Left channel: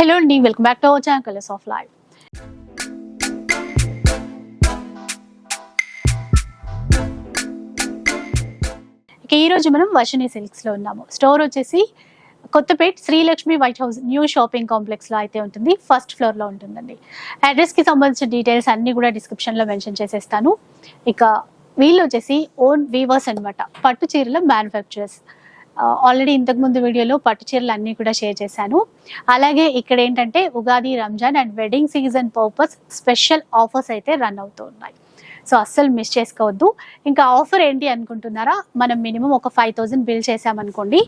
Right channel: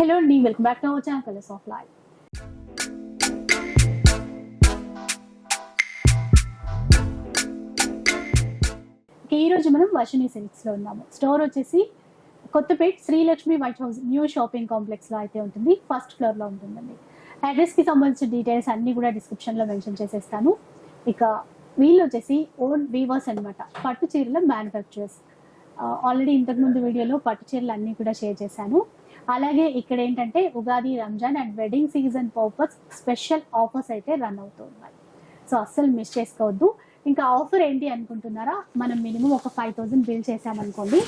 Hello అండి welcome back to our channel colours of life ఇక ఈరోజు మనం వర్షిని సిల్క్స్లో ఉన్నాము. స్టోర్ వచ్చేసి Kothapet Srilakshmi white house new shopping కాంప్లెక్స్లో అయితే ఉంటుంది. ఫస్ట్ ఫ్లోర్లో ఉంటుందండి. అడ్రస్కి సంబంధించిన డీటెయిల్స్ అన్నీ కూడా డిస్క్రిప్షన్లో మెన్షన్ చేసేస్తాను. ఇక వీళ్ళు వచ్చేసి ఓన్ వీవర్స్ అన్నమాట. పట్టు చీరల మ్యానుఫ్యాక్చరర్స్ ఆల్రెడీ ఇంతకుముందు వీడియోలో పట్టు చీరలు అన్నీ కూడా షేర్ చేశాను. అలాగే ఇక్కడ ఏంటంటే Ugadi Ramzan and wedding season purpose special offers అయితే రన్ అవుతూ ఉన్నాయి. సో అస్సలు మిస్ చేసుకోవద్దు. ఇంకా ఆఫర్ ఏంటి అనుకుంటున్నారా? మనం మినిమం ఒక ఫైవ్ థౌజండ్ బిల్ చేసామనుకోండి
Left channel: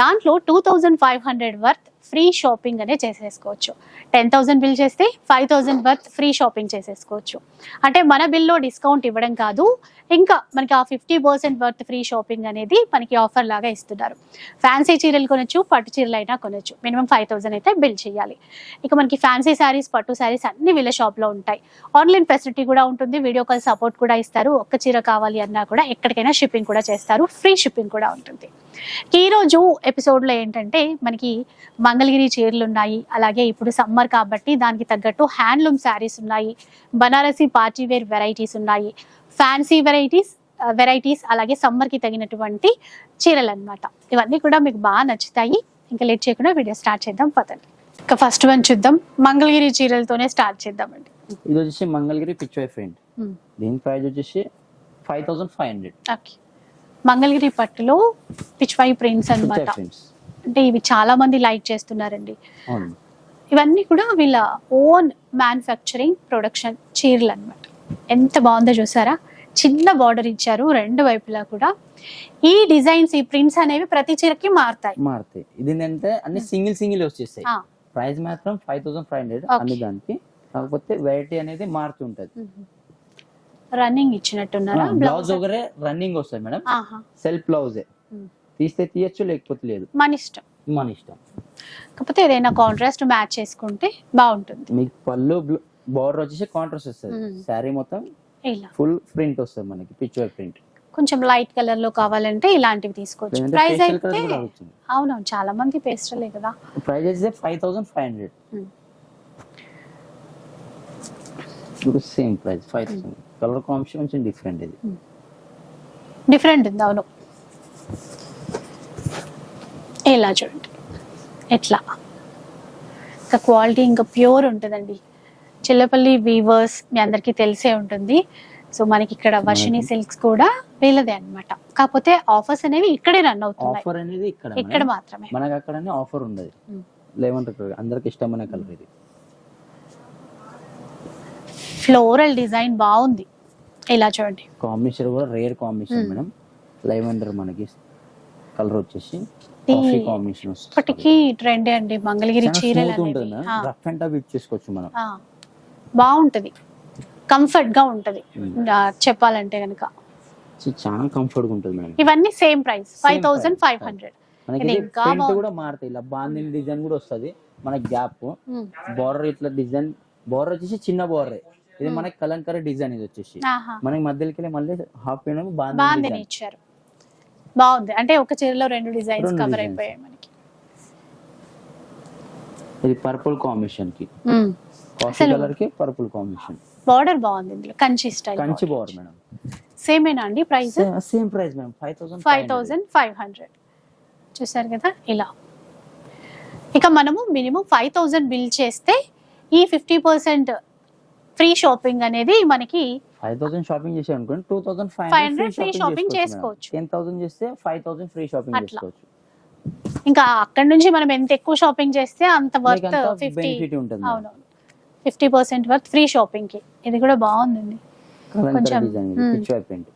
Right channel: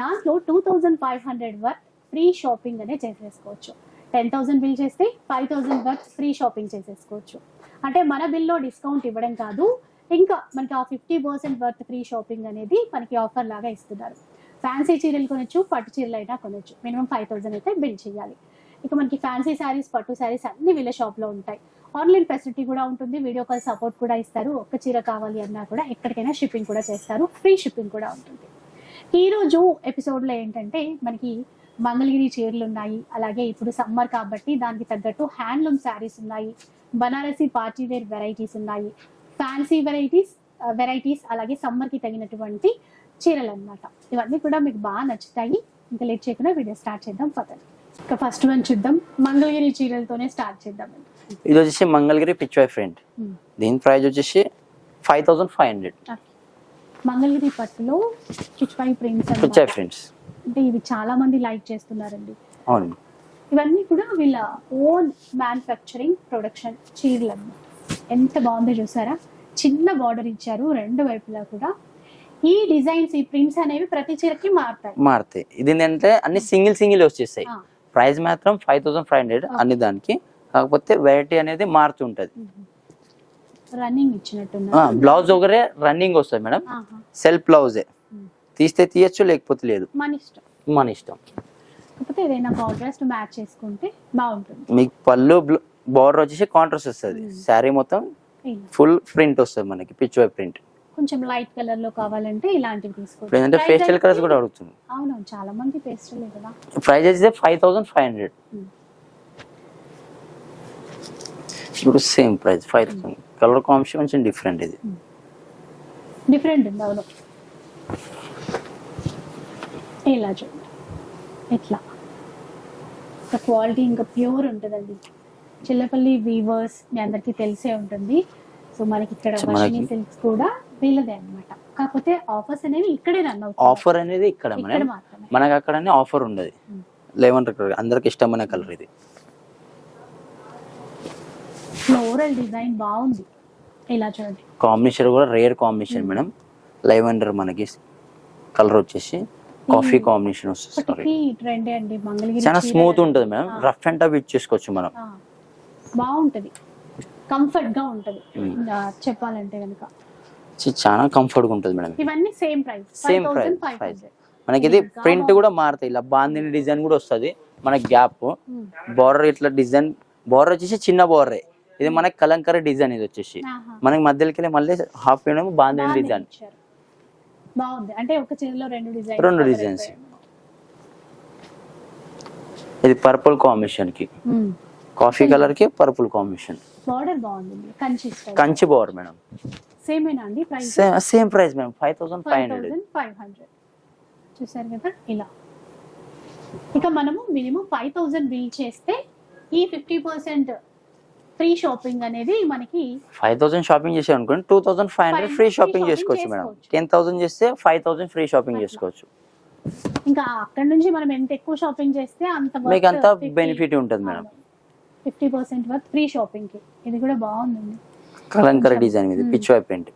దాంట్లో two thousand five hundred worth free shopping అనే చేసేసుకోవచ్చు. టెన్ థౌసండ్ బిల్ చేస్తే five thousand worth free shopping చేసేసుకోవచ్చు. అంటే మన బిల్లో డిస్కౌంట్ ఇవ్వడం కాదు. ఇంకా మనకి ఆ fifty percent worth free shopping అనేది మనకి ఆఫర్ లాగా ఇస్తున్నారు. ఫ్యాన్సీ చీరలు కొనొచ్చు పట్టు చీరలు అయినా కొనొచ్చు. మినిమం ఫైవ్ థౌసండ్ అయితే బిల్ చేయాలి. ఇక మనకి ఫ్యాన్సీ శారీస్ పట్టు శారీస్ అన్ని వీళ్ళ షాప్లో ఉంటాయి. ఆన్లైన్ ఫెసిలిటీ కూడా ఉంటుంది వీడియో కాల్ సపోర్ట్ కూడా ఇస్తారు. ఒక్క చీర కావాలి అన్నా కూడా ఎక్కడికైనా షిప్పింగ్ కూడా చేస్తారు. ఫ్రీ షిప్పింగ్ కూడా ఉంటుంది. ఈరోజు ఎపిసోడ్లో ఏంటంటే మనకి మంగళగిరి చీరలు ఉన్నాయి. అలాగే ఇప్పుడు సమ్మర్ కాబట్టి దానికి తగ్గట్టు హ్యాండ్లూమ్ శారీస్ ఉన్నాయి. బనారసి పార్టీ వేర్ వెరైటీస్ ఉన్నాయి. ఫ్యాన్సీ వెరైటీస్ వెరైటీస్ అలాగే సమ్మర్కి తగినటువంటి చీరలు అన్నమాట ఇవన్నీ కూడా మీకు బాగా నచ్చుతాయి. ఇంకా లేట్ చేయకుండా వీడియో స్టార్ట్ చేద్దాం పదండి. ఇంకా ఫస్ట్ వన్ చూద్దాం. మంగళగిరి చీరలతోనే స్టార్ట్ చేద్దామండి. ఇది వచ్చేసి మంగళగిరి పిచ్వాయ్ ఫ్రెండ్. Hmm. దీని ప్రైస్ వచ్చేసి five thousand five hundred okay Mangalagiri పట్టులో ప్రింట్స్ పిచ్వాయ్ అన్నమాట. ఫ్రెండ్స్ అంటే ఇవి చాలా మంది లైక్ చేస్తున్నారండి. ఇవన్నీ కూడా వీళ్ళ ఓన్ మ్యానుఫ్యాక్చరింగ్ ప్రొడక్షన్ చీరలు అన్నమాట ఎంత బాగుందో చూసారా? చిన్న బార్డర్ ఇచ్చారు రెండు వైపులా కూడా. ఈ డిజైన్స్ ఈ ప్రింట్స్ అనేవి ప్రతి చీరకి మారుతాయి. మారుతాయి. ఇది ఏంటంటే అన్ని సింగిల్ సింగిల్ వచ్చేస్తాయి. ప్రైస్ మాత్రం ఫైవ్ థౌసండ్ ఫైవ్ హండ్రెడ్. అన్ని దానికి. కాకపోతే వెరైటీ అనేది మారుతుంటది రన్నింగ్ ఇచ్చినట్టున్నారు? బ్లౌజ్ ఒకరే రన్నింగ్ వస్తుంది మేడం. సెల్ఫ్ బ్లౌజే. తీస్తే తీయచ్చు లేకపోతే లేదు. మన ఇష్టం. మన ఇష్టం. కాకపోతే ఏదైనా కాంట్రాస్ట్ మ్యాచ్ చేసుకుంటే బాగుంటుంది. మీకు పళ్ళు బార్డర్ వచ్చేసి కాంట్రాస్ట్ వస్తుంది. శారీ మొత్తం ఇలా. ఫుల్ ప్రింట్ వస్తుంది మనకి పిచ్వాయ్ ప్రింట్ కొంచెం లైట్ కలర్లో కావాలంటే ఇలాంటివి తీసుకోవచ్చు. కలర్స్ అయితే- కూడా అడుగుతుంది అవునవును చాలా మంది పేస్టలే కదా. ప్రైస్ అయితే ఫైవ్ థౌసండ్ ఫైవ్ హండ్రెడ్. ఇప్పుడు same price five thousand colour combination కొంచెం డిఫరెంట్ ఇది. డిఫరెంట్ ఉంది అవును. ఇలా చూడండి. ఎట్లా? ఇంకా క్వాలిటీ ఇంకా ప్యూర్ ఉంటుందండి. చిల్లపల్లి వీవర్స్ మీ అందరికీ తెలిసే ఉంటుంది. సో మనకి ఇక్కడ వర్షిని సిల్క్స్ కూడా వీళ్ళదే అన్నమాట. కాకపోతే ఆఫర్స్ అనేవి ఇక్కడే రన్ అవుతాయి ఆఫర్ అనేది ఇక్కడ ఇక్కడ. మాత్రమే. మనకి అక్కడ ఆఫర్ ఉండదు. లెవెన్ అందరికి ఇష్టమైన కలర్ ఇది. ఫ్లోరల్ డిజైన్ బాగుంది. ఇలా చూడండి. కాంబినేషన్ కూడా రేర్ కాంబినేషన్. మేడం లెవెండర్ మనకి కలర్ వచ్చేసి కాఫీ కాంబినేషన్ వస్తుంది. ఇప్పటికీ ట్రెండ్ అండి. మంగళగిరి స్మూత్. ఉంటుంది మేడం. రఫ్ అండ్ టఫ్ ఇచ్చేసుకోవచ్చు మనం. బాగుంటది. కంఫర్ట్గా ఉంటది. Hmm. చెప్పాలంటే కనుక చాలా కంఫర్ట్గా ఉంటుంది మేడం. ఇవన్నీ same price. Five thousand five. Hundred. మనకి ఇది ప్రింట్. కూడా మారుతాయి. ఇలా బాందిని డిజైన్ కూడా వస్తుంది. మనకి గ్యాప్. బార్డర్ ఇట్లా డిజైన్ బార్డర్ వచ్చేసి చిన్న బార్డర్ ఇది Hmm. మనకి కలంకర డిజైన్ ఇది వచ్చేసి. మనకి మధ్యలోకి మళ్ళీ హాఫ్ ఏమో బాందిని బాగుంది డిజైన్. ఇచ్చారు. బాగుంది. అంటే ఒక చీరలో రెండు డిజైన్స్ రెండు మనకి. ఇది పర్పుల్ కాంబినేషన్కి కాఫీ కలర్కి పర్పుల్ కాంబినేషన్. బార్డర్ బాగుంది ఇందులో Kanchi style Kanchi border madam. సేమేనా అండి price? Same price madam five thousand five thousand five hundred. చూసారు కదా ఇలా. ఇక మనము మినిమం ఫైవ్ థౌసండ్ బిల్ చేస్తే ఈ ఫిఫ్టీ పర్సెంట్ ఫ్రీ షాపింగ్ అనేది మనకి ఫైవ్ థౌసండ్ షాపింగ్ చేసాం అనుకోండి two thousand five hundred 500 free shopping చేసుకోవచ్చు మేడం. టెన్ థౌసండ్ చేస్తే ఫైవ్ థౌసండ్ ఫ్రీ షాపింగ్. చేసుకోవచ్చు. ఇంకా అక్కడ నుంచి మనం ఎంత ఎక్కువ షాపింగ్ చేస్తే అంత బెనిఫిట్ ఉంటుంది madam. Fifty percent worth free షాపింగ్కి ఇది కూడా బాగుంది కలంకర కొంచెం, డిజైన్ మీద మ్మ్. పిచ్ వైప్ పెయింట్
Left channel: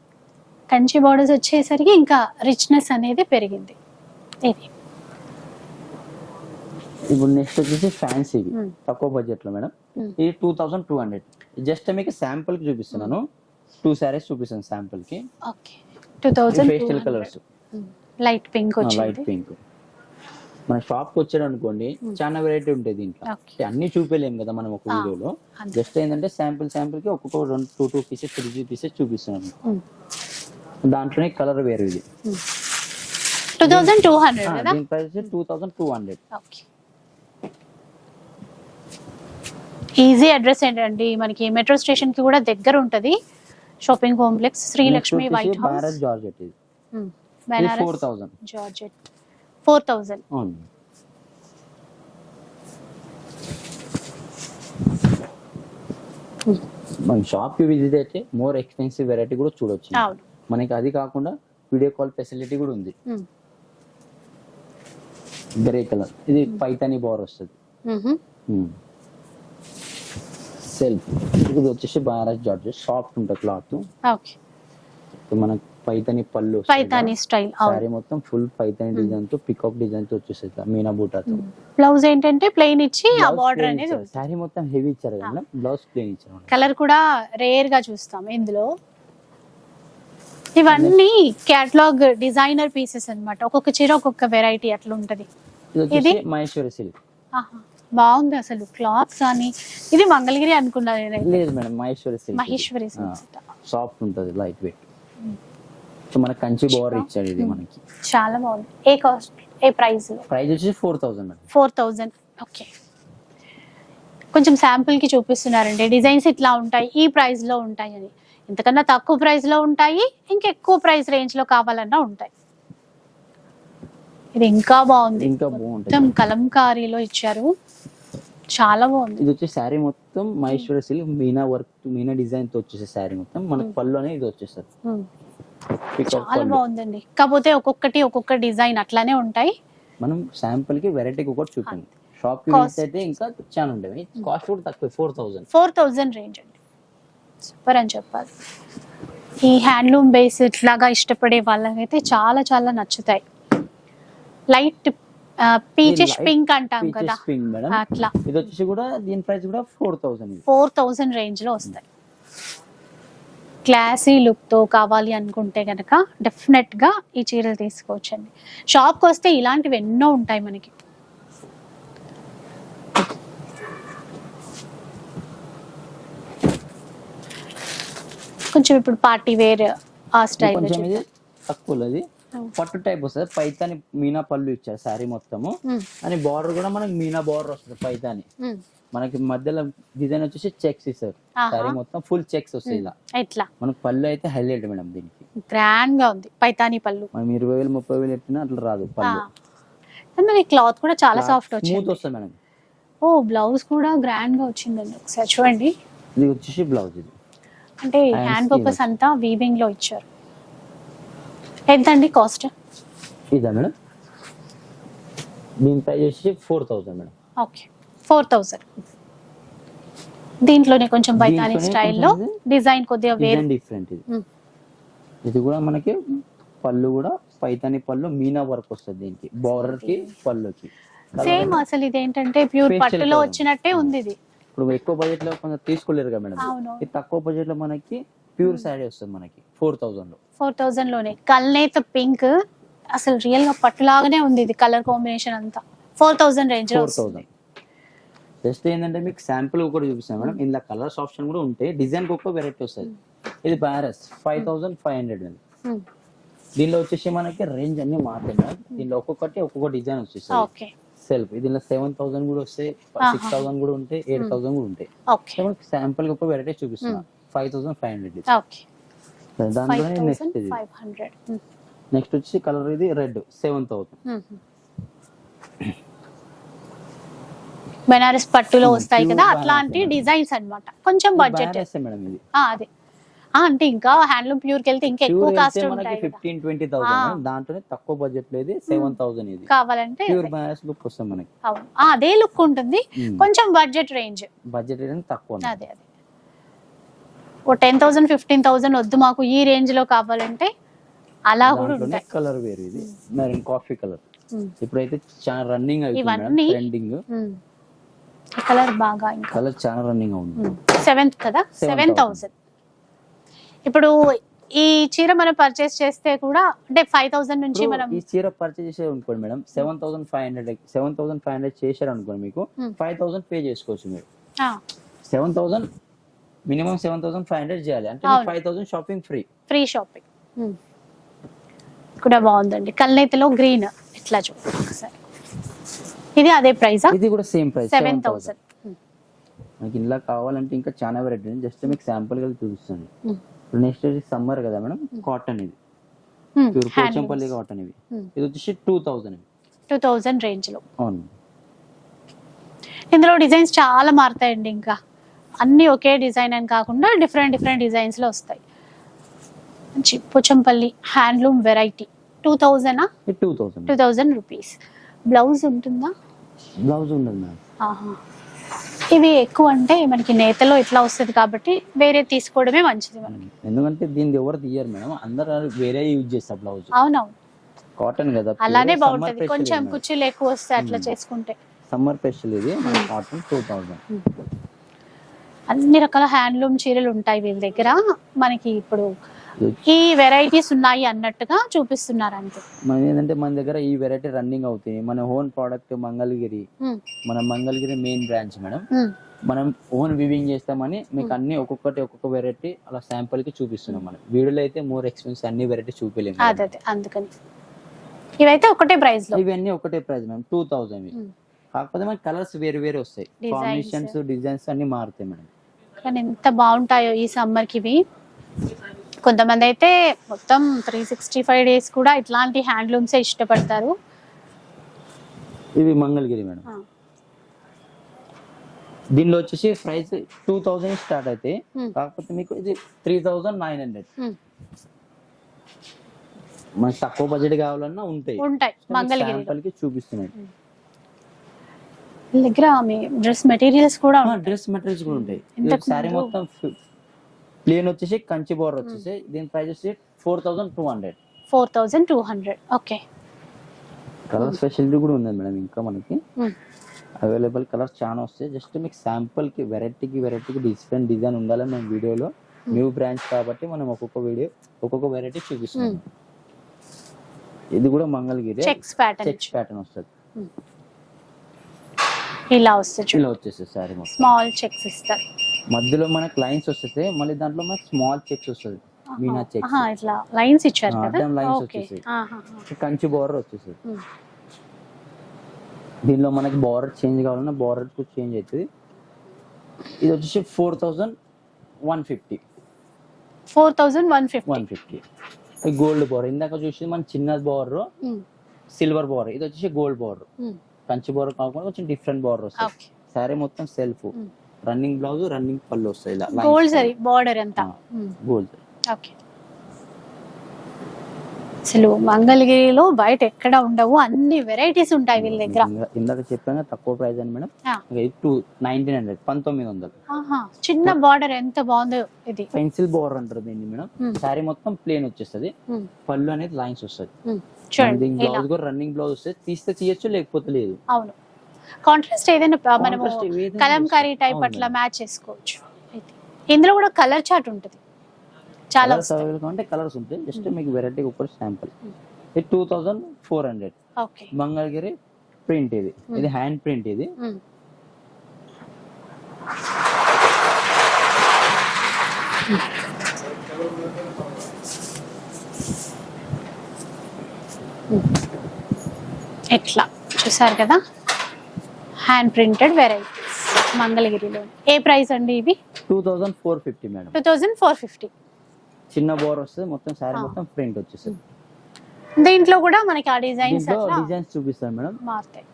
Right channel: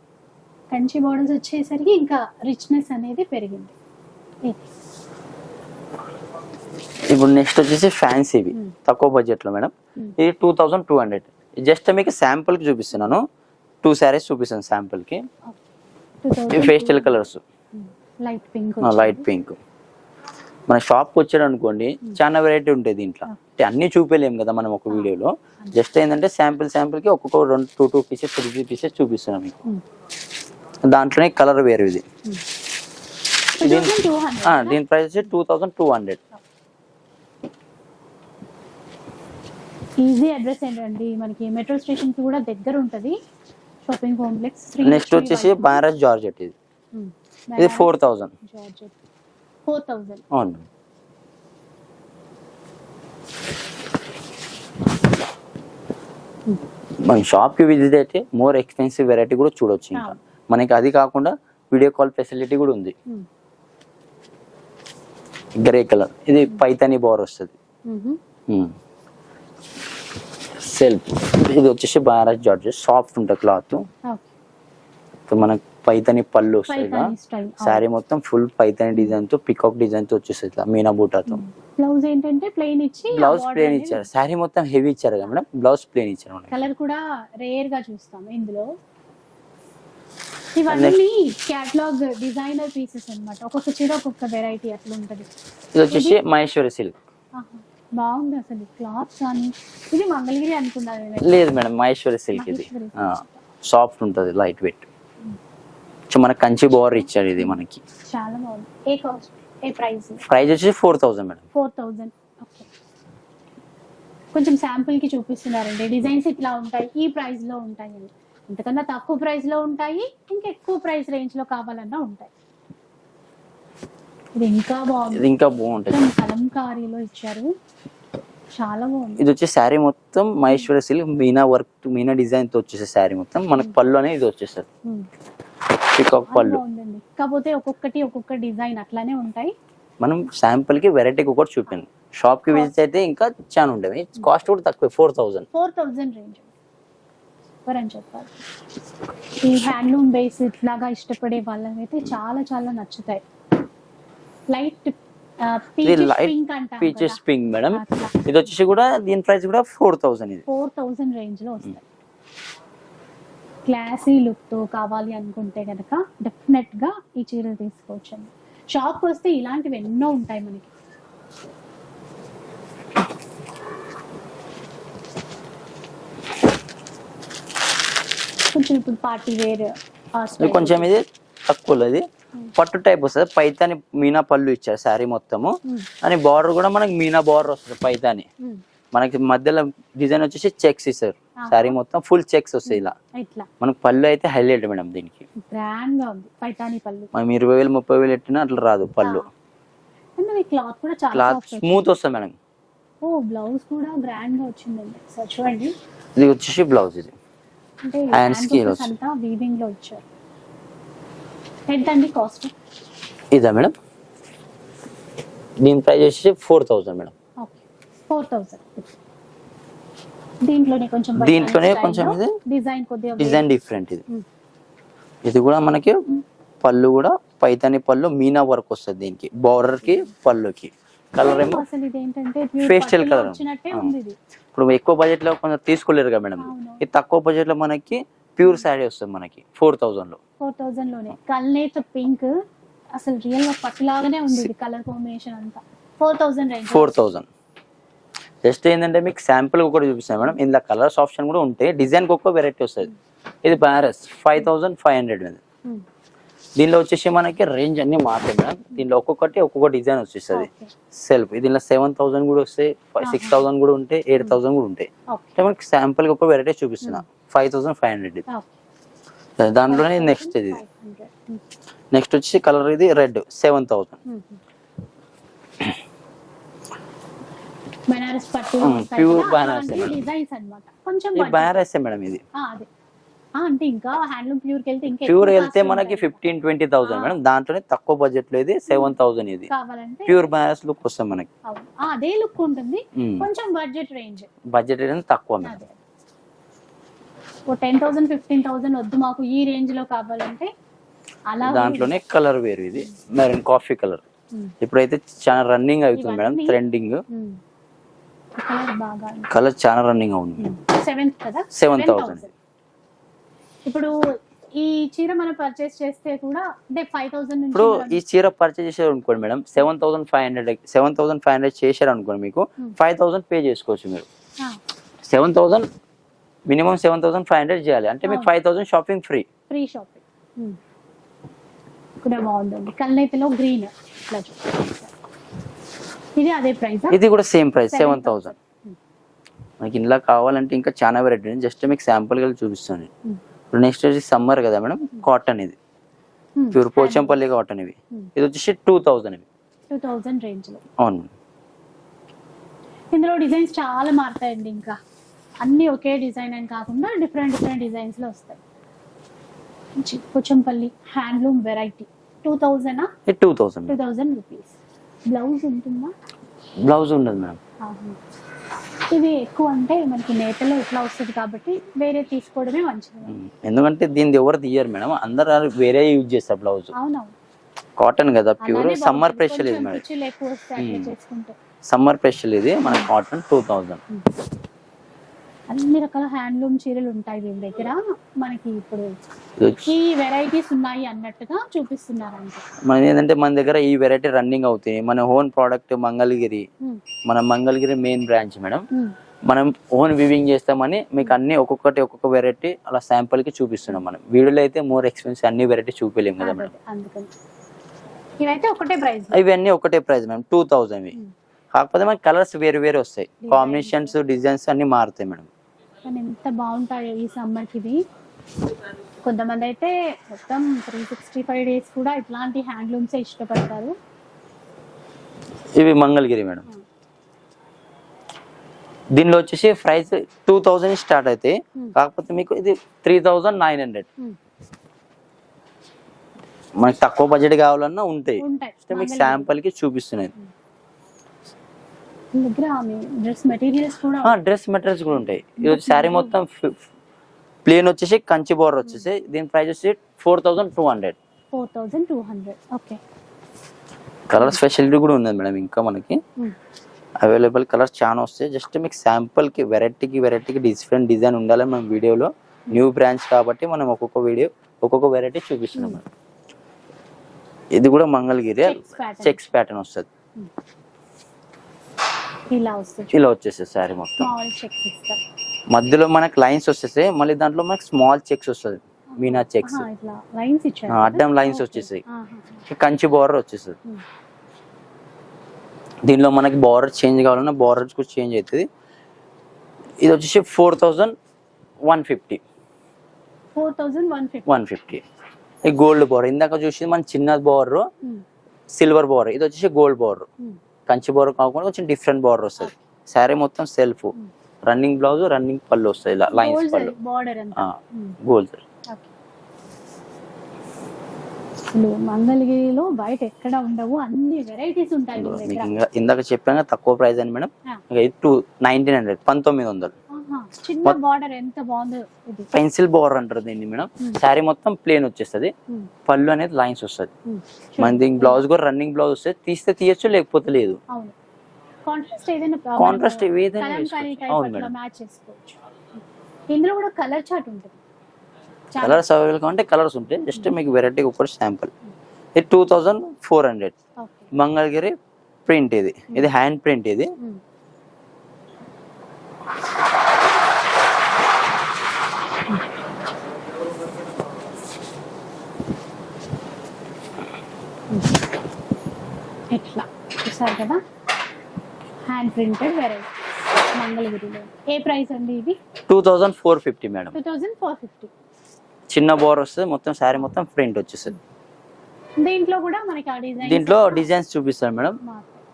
కంచి బార్డర్స్ వచ్చేసరికి ఇంకా రిచ్నెస్ అనేది పెరిగింది. ఇది. ఇప్పుడు నెక్స్ట్ వచ్చేసి ఫ్యాన్సీవి. తక్కువ బడ్జెట్లో మేడం. ఇది two thousand two hundred just మీకు శాంపుల్కి చూపిస్తున్నాను. టూ శారీస్ చూపిస్తాను శాంపుల్కి. Pastel colours light pink light pink మన షాప్కి వచ్చాడు అనుకోండి చాలా వెరైటీ ఉంటాయి దీంట్లో. అంటే అన్ని చూపించలేము కదా మనం ఒక వీడియోలో. జస్ట్ ఏంటంటే శాంపిల్ శాంపిల్కి ఒక్కొక్క రెండు two two pieces three pieces చూపిస్తున్నాం మీకు. దాంట్లోనే కలర్ వేరు ఇది. థౌసండ్ దీని ప్రైస్ వచ్చి two thousand two hundred easy address ఏంటండి? మనకి మెట్రో స్టేషన్కి కూడా దగ్గర ఉంటది. షాపింగ్ కాంప్లెక్స్ నెక్స్ట్ శ్రీలక్ష్మి వచ్చేసి బనారస్ జార్జెట్ ఇది. ఇది four thousand georgette four thousand. అవును. మన షాప్కి విజిట్ అయితే మోర్ ఎక్స్పెన్సివ్ వెరైటీ కూడా చూడొచ్చు. మనకి అది కాకుండా వీడియో కాల్ ఫెసిలిటీ కూడా ఉంది. Grey colour. ఇది పైతాని బోర్ వస్తుంది. సెల్ఫ్. ఇది వచ్చేసి బనారస్ జార్జెట్ సాఫ్ట్ ఉంటుంది క్లాత్. మనకి పైతాని పళ్ళు పైతాని స్టైల్ శారీ మొత్తం ఫుల్ పైతాని డిజైన్తో పికాక్ డిజైన్తో వచ్చేస్తుంది ఇట్లా మీనా బూటాతో. బ్లౌజ్ ఏంటంటే ప్లెయిన్ ఇచ్చి బ్లౌజ్ ఇచ్చారు. శారీ మొత్తం హెవీ ఇచ్చారు కదా మేడం? బ్లౌజ్ ప్లేన్ ఇచ్చారు. కలర్ కూడా రేర్గా చూస్తాం ఇందులో. ఇవన్నీ క్యాటలాగ్ డిజైనర్ పీసెస్ అన్నమాట. ఒక్కొక్క చీర ఒక్కొక్క వెరైటీ అట్లా ఉంటది. ఇది వచ్చేసి? మహేశ్వరి సిల్క్ బాగుంది అసలు క్లాత్స్ కానీ. ఇది మంగళగిరి అనుకున్నా నేను లేదు madam Maheshwari silk Maheshwari. Soft ఉంటుంది లైట్ వెయిట్ సో మనకి కంచి బోర్ ఇచ్చాడు ఇది మనకి. చాలా బాగుంది. ఏ కాస్ట్ ఏ ప్రైస్ ప్రైస్ వచ్చేసి four thousand madam. Four thousand okay కొంచెం శాంపుల్కి చూపిస్తున్నారండి. డిజైన్స్ ఇట్లా ఉంటాయి ఈ ప్రైస్లో ఉంటాయి అని. ఇంతకన్నా తక్కువ ప్రైస్లో ఉంటాయి ఇంకెక్కువ ప్రైస్ రేంజ్లో కావాలన్నా ఉంటాయి. ఇది ఇంకా బాగుంది. ఇంకా బాగుంటుంది. కలంకారీలో ఇచ్చారు. చాలా బాగుంది. ఇది వచ్చి శారీ మొత్తం మహేశ్వరి సిల్క్ మీనా వర్క్ మీనా డిజైన్తో వచ్చేసి శారీ మొత్తం. మనకి పళ్ళు అనేది ఇది వచ్చేస్తుంది. ఉమ్. పికాక్ చాలా పళ్ళు బాగుందండి. కాకపోతే ఒక్కొక్కటి ఒక్కొక్క డిజైన్ అట్లానే ఉంటాయి. మనం శాంపుల్కి వెరైటీకి ఒకటి చూపింది షాప్కి Cost. విజిట్ అయితే ఇంకా చాలా ఉంటాయి కాస్ట్ కూడా తక్కువ four thousand four thousand range అండి. సూపర్ అని చెప్పాలి. ఈ హ్యాండ్లూమ్ బేస్ ఇట్లాగా ఇష్టపడే వాళ్ళకైతే చాలా చాలా నచ్చుతాయి. లైట్ పీచెస్ పింక్ అంటాం కదా. పీచెస్ పింక్ మేడం అట్లా. ఇది వచ్చేసి కూడా దీని ప్రైస్ కూడా ఫోర్ థౌసండ్ ఇది. ఫోర్ థౌజండ్ రేంజ్లో వస్తాయి. క్లాసీ లుక్తో కావాలి అనుకుంటే గనక డెఫినెట్గా ఈ చీరలు తీసుకోవచ్చండి. షాప్కి వస్తే ఇలాంటివి ఎన్నో ఉంటాయి మనకి. కొంచెం ఇప్పుడు పార్టీ వేర్ ఆ స్టైల్ కొంచెం ఇది తక్కువ ఇది. పట్టు టైప్ వస్తుంది. పైతాని మీనా పళ్ళు ఇచ్చారు శారీ మొత్తము. అని బార్డర్ కూడా మనకి మీనా బార్డర్ వస్తుంది పైతాని. మనకి మధ్యలో డిజైన్ వచ్చేసి చెక్స్ ఇస్తారు. శారీ మొత్తం ఫుల్ చెక్స్ వస్తాయి ఇలా. ఇట్లా మనకి పళ్ళు అయితే హైలైట్ మేడం దీనికి. గ్రాండ్గా ఉంది. పైతాని పళ్ళు. మనం ఇరవై వేలు ముప్పై వేలు ఎట్టినా అట్లా రాదు పళ్ళు. క్లాత్ కూడా చాలా సాఫ్ట్ స్మూత్ వస్తుంది మేడం. ఓ బ్లౌజ్ కూడా గ్రాండ్గా వచ్చిందండి ఒకసారి చూడండి. ఇది వచ్చేసి బ్లౌజ్ ఇది. అంటే హ్యాండ్కి పర్పస్ వచ్చి- అంతా వీవింగ్లో ఇచ్చారు. ఎంత అండి కాస్ట్ ఇదా మేడం? దీని ప్రైస్ వచ్చేసి four thousand madam. Okay. Four thousand. దీంట్లోనే కొంచెం దీంట్లోనే కొంచెం డిజైన్ కొద్దిగా డిజైన్ డిఫరెంట్ ఇది. ఇది కూడా మనకి పళ్ళు కూడా పైతాని పళ్ళు మీనా వర్క్ వస్తుంది దీనికి. బార్డర్కి పళ్ళుకి. సేమ్ అసలు ఇది ఏంటంటే ప్యూర్ పట్టులో. వచ్చినట్టే. ఉంది ఇది. ఇప్పుడు ఎక్కువ బడ్జెట్లో కొంచెం తీసుకోలేరు కదా మేడం. ఇది తక్కువ బడ్జెట్లో మనకి ప్యూర్ శారీ వస్తుంది మనకి ఫోర్ థౌసండ్లో ఫోర్ థౌజండ్లోనే కల్నేత పింక్ అసలు రియల్గా పట్టులాగానే ఉంది ఇది కలర్ కాంబినేషన్ అంతా. Four thousand range four thousand. Just ఏంటంటే మీకు శాంపుల్ ఒకటి చూపిస్తాను మేడం. ఇందులో కలర్స్ ఆప్షన్ కూడా ఉంటాయి. డిజైన్ ఒక్క వెరైటీ వస్తుంది. ఇది Banaras five thousand five hundred మీద దీనిలో వచ్చేసి మనకి రేంజ్ అన్ని మారుతాయి మేడం. దీనిలో ఒక్కొక్కటి ఒక్కొక్క డిజైన్ వచ్చేస్తుంది. సెల్ఫ్ దీనిలో సెవెన్ థౌసండ్ కూడా వస్తాయి. సిక్స్. థౌసండ్ కూడా ఉంటాయి. ఎయిట్ థౌసండ్ కూడా ఉంటాయి. మనకి శాంపుల్ ఒక వెరైటీ చూపిస్తున్నా. ఫైవ్ థౌసండ్ ఫైవ్ హండ్రెడ్ దాంట్లోనే నెక్స్ట్ ఇది. నెక్స్ట్ వచ్చి కలర్ ఇది రెడ్ సెవెన్ థౌసండ్ బెనారస్ పట్టులో వస్తాయి కదా అట్లాంటి. డిజైన్స్ అన్నమాట. కొంచెం బడ్జెట్ మేడం ఇది. అదే. అంటే ఇంకా హ్యాండ్లూమ్ ప్యూర్కి వెళ్తే ఇంకా ప్యూర్ వెళ్తే మనకి. Fifteen twenty thousand. మేడం. దాంట్లోనే తక్కువ బడ్జెట్లో ఇది సెవెన్ థౌసండ్ ఇది. కావాలంటే ప్యూర్ బనారస్ లుక్ వస్తుంది మనకి. అదే లుక్ ఉంటుంది. కొంచెం బడ్జెట్ రేంజ్ బడ్జెట్ అనేది తక్కువ. అదే అదే. ఓ టెన్ థౌసండ్ ఫిఫ్టీన్ థౌసండ్ వద్దు మాకు ఈ రేంజ్లో కావాలంటే అలా దాంట్లోనే. కలర్ వేరు ఇది. మెరూన్ కాఫీ కలర్ ఇప్పుడైతే చాలా రన్నింగ్ అవుతుంది మేడం ట్రెండింగ్ కలర్ బాగా కలర్ చాలా రన్నింగ్ అవుతుంది సెవెంత్ కదా? 7,000. సెవెన్ థౌసండ్ ఇప్పుడు ఈ చీర మనం పర్చేస్ చేస్తే కూడా అంటే ఫైవ్ థౌసండ్ నుంచి మనం ఈ చీర పర్చేజ్ చేశారు అనుకోండి madam seven thousand five hundred seven thousand five hundred చేశారు అనుకోండి మీకు. ఫైవ్ థౌసండ్ పే చేసుకోవచ్చు మీరు. Seven thousand minimum seven thousand five hundred చేయాలి. అంటే మీకు. Five thousand shopping free free shopping. కూడా బాగుందండి. కల్నేతలో గ్రీన్ ఇట్లా చూడండి ఇది అదే ప్రైస్ ఇది కూడా same price seven thousand thousand మనకి ఇంట్లో కావాలంటే ఇంకా చాలా వెరైటీ ఉంది జస్ట్ మీకు శాంపుల్గా చూపిస్తాను Hmm. ఇప్పుడు నెక్స్ట్ వచ్చి సమ్మర్ కదా మేడం? కాటన్ ఇది. Hmm. ప్యూర్ పోచంపల్లి కాటన్ ఇవి. Hmm. ఇది వచ్చేసి టూ థౌజండ్ ఇవి. టూ థౌజండ్ రేంజ్లో. అవును. ఇందులో డిజైన్స్ చాలా మారుతాయండి ఇంకా. అన్ని ఒకే డిజైన్ అని కాకుండా డిఫరెంట్ డిఫరెంట్ డిజైన్స్లో వస్తాయి. మంచి Pochampally handloom variety two thousand ఇది two thousand two thousand rupees blouse ఉంటుందా? బ్లౌజ్ ఉండదు ఆహా. ఇవి ఎక్కువ అంటే మనకి నేతలో ఇట్లా వస్తుంది కాబట్టి వేరే తీసుకోవడమే మంచిది ఎందుకంటే దీన్ని ఎవరు తీయరు మేడం. అందరు వేరే యూజ్ చేస్తారు బ్లౌజ్. అవునవును. కాటన్ కదా అలానే సమ్మర్ స్పెషల్ కొంచెం కుర్చీలు ఎక్కువ వస్తే అట్లా. చేసుకుంటే. సమ్మర్ స్పెషల్ ఇది మన కాటన్ టూ థౌజండ్ అన్ని రకాల హ్యాండ్లూమ్ చీరలు ఉంటాయి వీళ్ళ దగ్గర. మనకి ఇప్పుడు ఈ వెరైటీస్ ఉన్నాయి అన్నట్టుగా చూపిస్తున్నారు అంతే మన ఏంటంటే మన దగ్గర ఈ వెరైటీ రన్నింగ్ అవుతాయి. మన ఓన్ ప్రోడక్ట్ మంగళగిరి. Hmm. మన Mangalagiri main branch madam. Hmm. మనం ఓన్ వివింగ్ చేస్తామని మీకు అన్ని ఒక్కొక్కటి ఒక్కొక్క వెరైటీ అలా శాంపుల్కి చూపిస్తున్నాం మనం. వీడియోలో అయితే మోర్ ఎక్స్పెన్సివ్ అన్ని వెరైటీ చూపించలేము అందుకని. ఇవైతే ఒకటే ప్రైస్ ఇవన్నీ ఒకటే price madam. Two thousand Hmm. కాకపోతే మనకి కలర్స్ వేరు వేరు వస్తాయి. కాంబినేషన్స్ డిజైన్స్ అన్ని మారుతాయి మేడం. కానీ ఎంత బాగుంటాయో ఈ సమ్మర్కి ఇవి. కొంతమంది అయితే మొత్తం త్రీ సిక్స్టీ ఫైవ్ డేస్ కూడా ఇట్లాంటి హ్యాండ్లూమ్స్ ఇష్టపడతారు. ఇవి మంగళగిరి మేడం. దీనిలో వచ్చేసి ప్రైస్ టూ థౌజండ్ స్టార్ట్ అయితే. కాకపోతే మీకు ఇది త్రీ థౌజండ్ నైన్ హండ్రెడ్. మనకి తక్కువ బడ్జెట్ కావాలన్నా ఉంటాయి. శాంపుల్కి చూపిస్తున్నాయి దగ్గర డ్రెస్ మెటీరియల్స్ కూడా డ్రెస్ మెటీరియల్స్ కూడా ఉంటాయి. ఇది శారీ మొత్తం ప్లేన్ వచ్చేసి కంచి బోర్డర్ వచ్చేసి దీని ప్రైస్ వచ్చి four thousand two hundred four thousand two hundred okay colour speciality కూడా ఉంది మేడం ఇంకా మనకి. అవైలబుల్ కలర్స్ చాలా వస్తాయి. జస్ట్ మీకు శాంపుల్కి వెరైటీకి వెరైటీకి డిఫరెంట్ డిజైన్ ఉండాలి మన వీడియోలో న్యూ బ్రాంచ్ కాబట్టి మనం ఒక్కొక్క వీడియో ఒక్కొక్క వెరైటీ చూపిస్తున్నాం Hmm. ఇది కూడా మంగళగిరి. చెక్స్ ప్యాటర్న్ వస్తుంది. ఇలా వస్తుంది. ఇలా వచ్చేస్తుంది శారీ మొత్తం. స్మాల్ చెక్స్ ఇస్తారు. మధ్యలో మనకి లైన్స్ వచ్చేసాయి మళ్ళీ దాంట్లో మనకి స్మాల్ చెక్స్ వస్తుంది. మీనా చెక్స్ లైన్స్ ఇచ్చారు? అడ్డం Okay. వచ్చేసాయి. కంచి బార్డర్ వచ్చేస్తుంది. దీనిలో మనకి బార్డర్ చేంజ్ కావాలన్నా బార్డర్స్ కూడా చేంజ్ అవుతుంది. ఇది వచ్చేసి four thousand one fifty four thousand one fifty one fifty ఈ గోల్డ్ బార్డర్ ఇందాక చూసి మన చిన్న బార్డర్ సిల్వర్ బార్డర్ ఇది వచ్చేసి గోల్డ్ బార్డర్ కంచి బార్డర్ కాకుండా కొంచెం డిఫరెంట్ బార్డర్ వస్తుంది. శారీ మొత్తం సెల్ఫ్. రన్నింగ్ బ్లౌజ్ రన్నింగ్ పళ్ళు వస్తాయి ఇలా గోల్డ్ సరి బార్డర్. గోల్డ్ ఓకే అసలు మంగళగిరిలో బయట ఎక్కడ ఉండవు అన్ని వెరైటీస్ ఉంటాయి వీళ్ళ దగ్గర. ఇందాక చెప్పాను తక్కువ ప్రైస్ అని మేడం. టూ నైన్టీన్ హండ్రెడ్ పంతొమ్మిది వందలు. చిన్న బార్డర్ ఎంత బాగుందో ఇది. పెన్సిల్ బార్డర్ అంటారు దీన్ని మేడం. Hmm. శారీ మొత్తం ప్లేన్ వచ్చేస్తుంది. Hmm. పళ్ళు అనేది లైన్స్ వస్తుంది. Hmm. బ్లౌజ్ కూడా రన్నింగ్ బ్లౌజ్ వస్తుంది. తీస్తే తీయచ్చు లేకపోతే లేదు. అవును. కాంట్రాస్ట్ ఏదైనా కలంకారీ. టైప్ అట్లా. మ్యాచ్ చేసుకోవచ్చు. ఇందులో కూడా కలర్ చార్ట్ ఉంటుంది. చాలా కలర్స్ అవైలబుల్ కావాలంటే కలర్స్ ఉంటాయి. జస్ట్ మీకు వెరైటీ ఒకటి శాంపుల్ ఇది two thousand four hundred Mangalagiri print ఇది. ఇది హ్యాండ్ ప్రింట్ ఇది. ఎట్లా? చూసారు కదా? హ్యాండ్ ప్రింటెడ్ వెరైటీస్ మంగళగిరిలో ఏ ప్రైస్ అండి ఇవి two thousand four fifty madam two thousand four fifty చిన్న బోర్ వస్తుంది మొత్తం శారీ. మొత్తం ప్రింట్ వచ్చేస్తుంది. దీంట్లో కూడా మనకి ఆ డిజైన్ దీంట్లో డిజైన్స్ చూపిస్తాను మేడం మారుతాయి.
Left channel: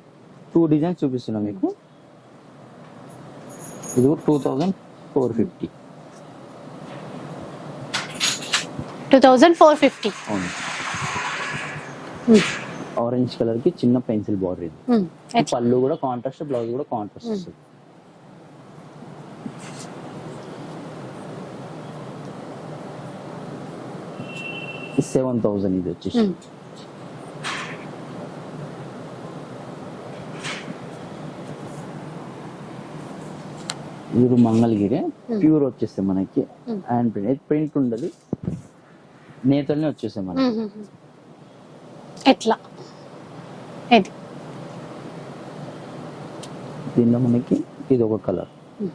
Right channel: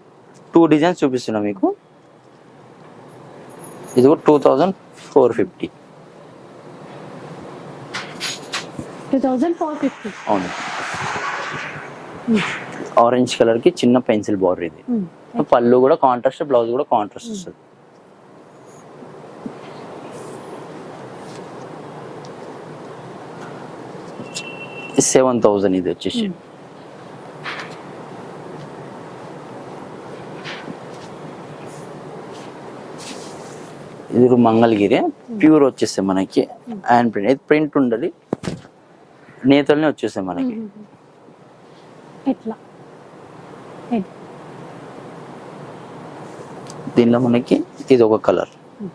టూ డిజైన్స్ చూపిస్తున్నా మీకు. ఇది కూడా two thousand four fifty two thousand four fifty అవును. ఆరెంజ్ కలర్కి చిన్న పెన్సిల్ బార్డర్ ఇది. పళ్ళు కూడా కాంట్రాస్ట్ బ్లౌజ్ కూడా కాంట్రాస్ట్ Hmm. వస్తుంది. సెవెన్ థౌజండ్ ఇది వచ్చేసి. ఇది కూడా మంగళగిరి. ప్యూర్ వచ్చేస్తాయి మనకి Hmm. హ్యాండ్ ప్రింట్ ఇది ప్రింట్ ఉండదు. నేతల్ని వచ్చేస్తాయి మనకి. ఎట్లా? ఇది దీనిలో మనకి ఇది ఒక కలర్. Hmm.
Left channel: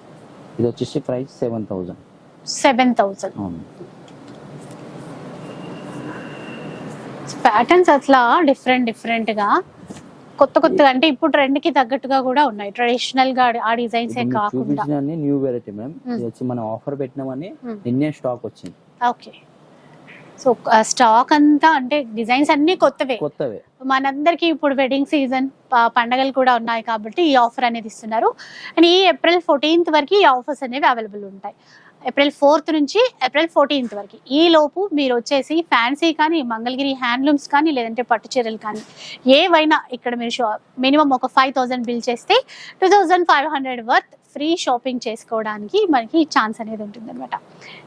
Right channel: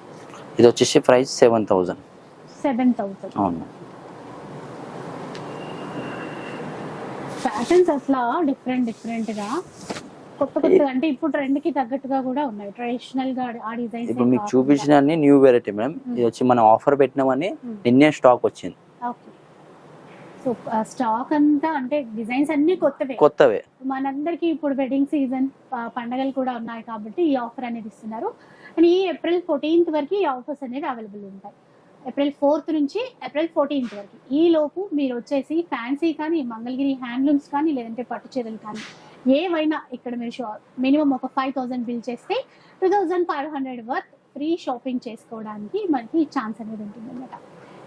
ఇది వచ్చేసి price seven thousand seven thousand అవును. ప్యాటర్న్స్ అట్లా డిఫరెంట్ డిఫరెంట్గా. కొత్త కొత్తగా అంటే ఇప్పుడు ట్రెండ్కి తగ్గట్టుగా కూడా ఉన్నాయి. ట్రెడిషనల్గా ఆ డిజైన్స్ చూపించిన న్యూ వెరైటీ మేడం ఇది వచ్చి మనం ఆఫర్ పెట్టినామని Hmm. నిన్నే స్టాక్ వచ్చింది. ఓకే సో స్టాక్ అంతా అంటే డిజైన్స్ అన్ని కొత్తవే. కొత్తవే. మనందరికీ ఇప్పుడు వెడ్డింగ్ సీజన్ పండగలు కూడా ఉన్నాయి కాబట్టి ఈ ఆఫర్ అనేది ఇస్తున్నారు. అండ్ ఈ ఏప్రిల్ ఫోర్టీన్త్ వరకు ఈ ఆఫర్స్ అనేవి అవైలబుల్ ఉంటాయి. ఏప్రిల్ ఫోర్త్ నుంచి ఏప్రిల్ ఫోర్టీన్త్ వరకు. ఈ లోపు మీరు వచ్చేసి ఫ్యాన్సీ కానీ మంగళగిరి హ్యాండ్లూమ్స్ కానీ లేదంటే పట్టు చీరలు కానీ ఏవైనా ఇక్కడ మీరు మినిమం ఒక ఫైవ్ థౌసండ్ బిల్ చేస్తే two thousand five hundred worth free shopping చేసుకోవడానికి మనకి ఛాన్స్ అనేది ఉంటుంది అనమాట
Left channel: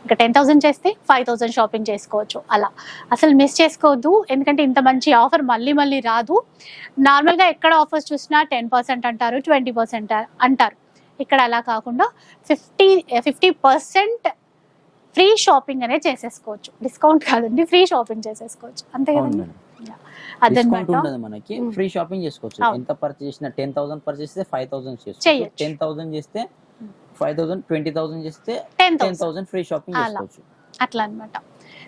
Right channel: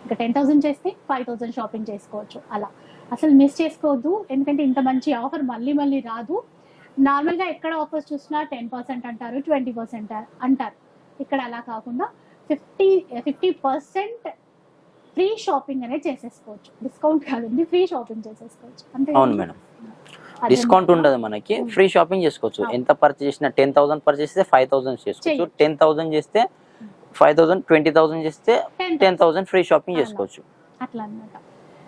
ఇంకా టెన్ థౌసండ్ చేస్తే ఫైవ్ థౌసండ్ షాపింగ్ చేసుకోవచ్చు అలా. అసలు మిస్ చేసుకోవద్దు. ఎందుకంటే ఇంత మంచి ఆఫర్ మళ్ళీ మళ్ళీ రాదు. నార్మల్గా ఎక్కడ ఆఫర్స్ చూసినా టెన్ పర్సెంట్ అంటారు ట్వంటీ పర్సెంట్ అంటారు. ఇక్కడ అలా కాకుండా fifty fifty percent free shopping అనేది చేసేసుకోవచ్చు. డిస్కౌంట్ కాదండి ఫ్రీ షాపింగ్ చేసేసుకోవచ్చు. అంతే మేడం. డిస్కౌంట్ ఉండదు మనకి. ఫ్రీ షాపింగ్ చేసుకోవచ్చు. ఎంత పర్చేస్ చేసినా టెన్ థౌసండ్ పర్చేస్ చేస్తే ఫైవ్ థౌసండ్ చేసుకోవచ్చు. టెన్ థౌసండ్ చేస్తే ఫైవ్ థౌసండ్ ట్వంటీ థౌసండ్ చేస్తే టెన్ థౌసండ్. Free shopping. చేసుకోవచ్చు. అట్లా అనమాట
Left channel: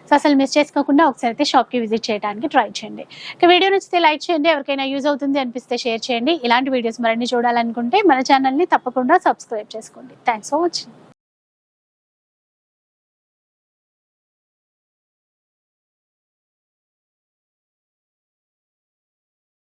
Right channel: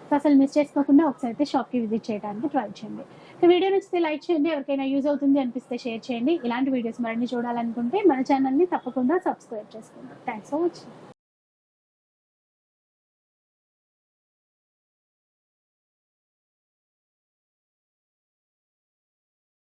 సో అసలు మిస్ చేసుకోకుండా ఒకసారి అయితే షాప్కి విజిట్ చేయడానికి ట్రై చేయండి. ఇక వీడియో నచ్చితే లైక్ చేయండి ఎవరికైనా యూజ్ అవుతుంది అనిపిస్తే షేర్ చేయండి. ఇలాంటి వీడియోస్ మరిన్ని చూడాలనుకుంటే మన ఛానల్ని తప్పకుండా సబ్స్క్రైబ్ చేసుకోండి. Thanks for watching.